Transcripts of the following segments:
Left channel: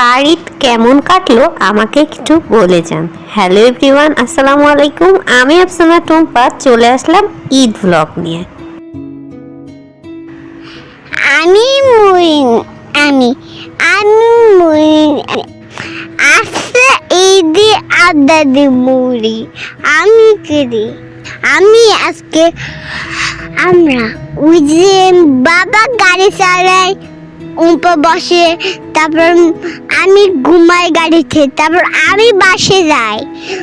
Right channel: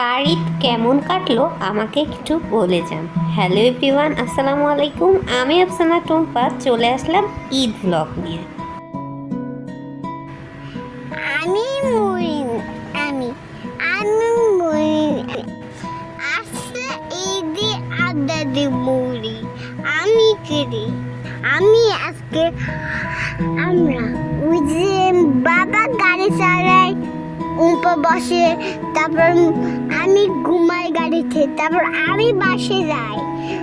কার ঈদ কেমন কাটলো আমাকে একটু বলে যান। হ্যালো এভরিওয়ান, আসসালামু আলাইকুম। আমি আফসানা টুম্পা চলে আসলাম ঈদ ব্লগ নিয়ে। আমি মুইন আমি আমি মুইন আজকে ঈদে আড্ডা দিব মুড়ি আমি করি আমি আজকে আমরা ওই যে বাবা গাড়ি চালায় উপর বসে, তারপর আমি ঘুমাই গাড়িতে, তারপর আমি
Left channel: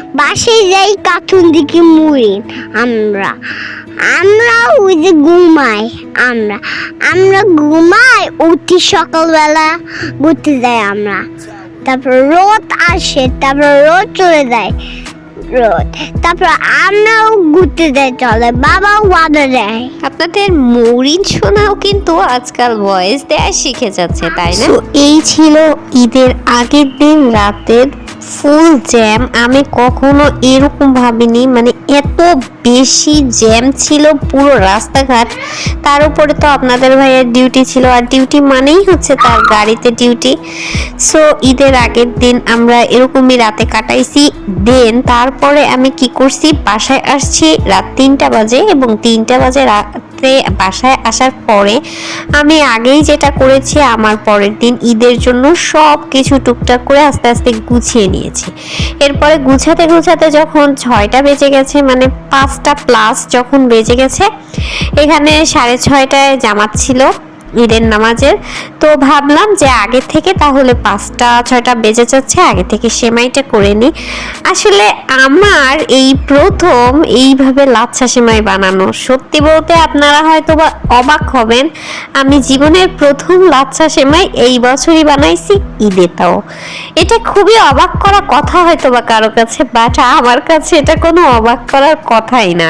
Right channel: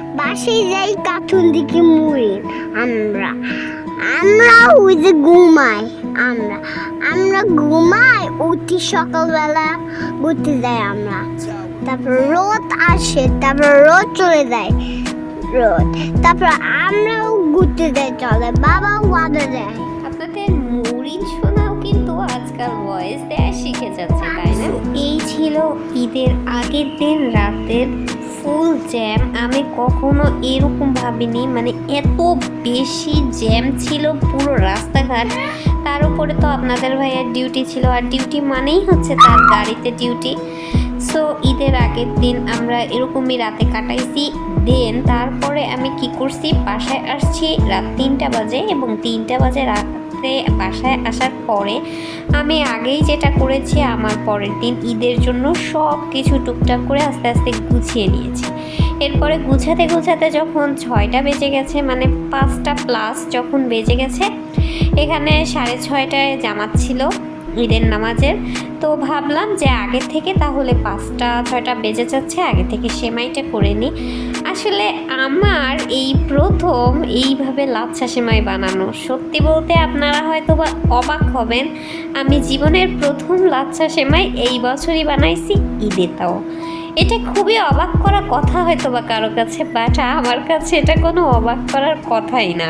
বাসে যাই কার্টুন দিকে মুড়ি আমরা আমরা ওই যে ঘুমাই আমরা ঘুমাই উঠি সকালবেলা ঘুরতে যাই আমরা, তারপর রোদ আসে, তারপর রোদ চলে যায় তারপর আমরাও ঘুরতে যাই, চলে বাবাও বাধা দেয়। আপনাদের মরিন শোনাও কিন্তু আজকাল ভয়েস দেয়া শিখে যাচ্ছে, তাই না? এই ছিল ঈদের আগের দিন রাতের ফুল জ্যাম। আমি কখনো এরকম ভাবিনি, মানে এত বেশি জ্যাম ছিল পুরো রাস্তাঘাট। তার উপরে তো আপনাদের ভাইয়ের ডিউটি ছিল, আর ডিউটি মানেই হচ্ছে তার গাড়িতে ডিউটি। সো ঈদের আগের দিন আমরা এরকমই রাতে কাটাইছি। দেন তারপরে আমি কি করছি, বাসায় আসছি রাত 3টা বাজে, এবং 3টা বাজে রাতে বাসায় আসার পরে আমি আগেই যেটা করেছি, আমার পরের দিন ঈদের জন্য সব কিছু টুকটাক করে আস্তে আস্তে গুছিয়ে নিয়েছি। এরপরে গুছাতে যখন 6টা বেজে গেছে, মানে 5টা প্লাস যখন বেজে গেছে, এখানে 6:30টায় জামাত ছিল ঈদের নামাজের। তো ভাবলাম যে আগে থেকে তাহলে 5টা-6টা বেজে যাচ্ছে, আগে থেকে সেমাইটা করে নিই। আসলে আমার এই প্রথম এইভাবে লাচ্ছা সেমাই বানানো। সত্যি বলতে আপনারা হয়তো বা অবাক হবেন, আমি জীবনের প্রথম লাচ্ছা সেমাই এই বছরই বানাইছি ঈদে। তাও এটা খুবই অবাক করা কথা হয়তো বা কারো কাছে, বাট আমার কাছে এটা কোনো অবাক করার কথাই না।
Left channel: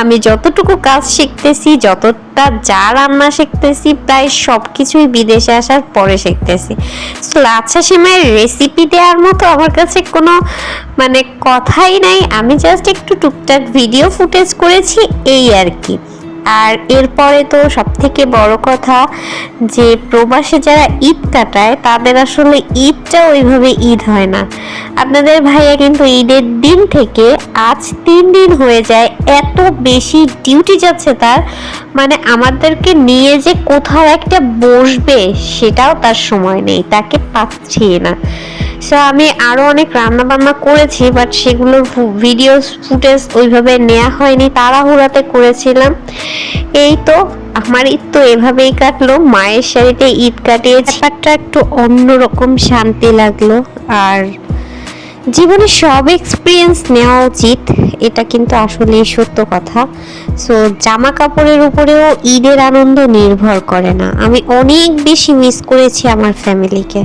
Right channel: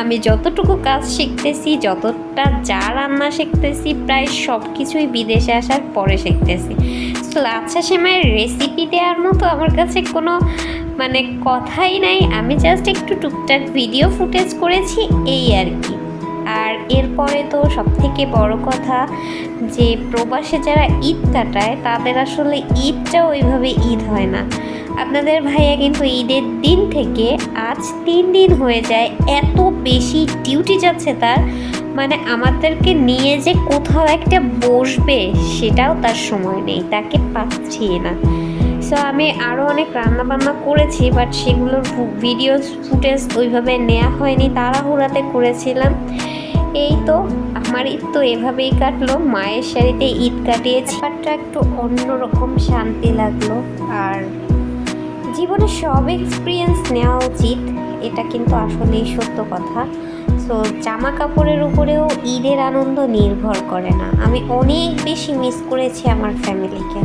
আমি যতটুকু কাজ শিখতেছি, যতটা যা রান্না শিখতেছি, প্রায় সব কিছুই বিদেশে আসার পরে শিখতেছি। লাচ্ছা সেমাইয়ের রেসিপি দেওয়ার মতো আমার কাছে কোনো মানে কথাই নাই। আমি জাস্ট একটু টুকটাক ভিডিও ফুটেজ করেছি, এই আর কি। আর এরপরে তো সব থেকে বড় কথা যে প্রবাসে যারা ঈদ কাটায় তাদের আসলে ঈদটা ওইভাবে ঈদ হয় না। আপনাদের ভাইয়া কিন্তু ঈদের দিন থেকে আজ 3 দিন হয়ে যায়, এত বেশি ডিউটি যাচ্ছে তার, মানে আমাদেরকে নিয়ে যে কোথাও একটা বসবে সেটাও তার সময় নেই, তাকে পাচ্ছি না। সো আমি আরও অনেক রান্না বান্না করেছি, বাট সেগুলোর ভিডিও ফুটেজ ওইভাবে নেওয়া হয়নি, তাড়াহুড়াতে করেছিলাম। এই তো আমার ঈদ তো এভাবেই কাটলো, মায়ের শাড়িতে ঈদ কাটিয়েছি। ব্যাপারটা একটু অন্যরকম শান্তি লাগলো। আর জীবনে সব এক্সপিরিয়েন্স নেওয়া উচিত, এটা কিন্তু আসলে সত্য কথা। সো জামা কাপড়ের উপরেও ঈদের আনন্দ নির্ভর করে না। আমি অনেক বেশি মিস করেছি আমার ফ্যামিলিকে।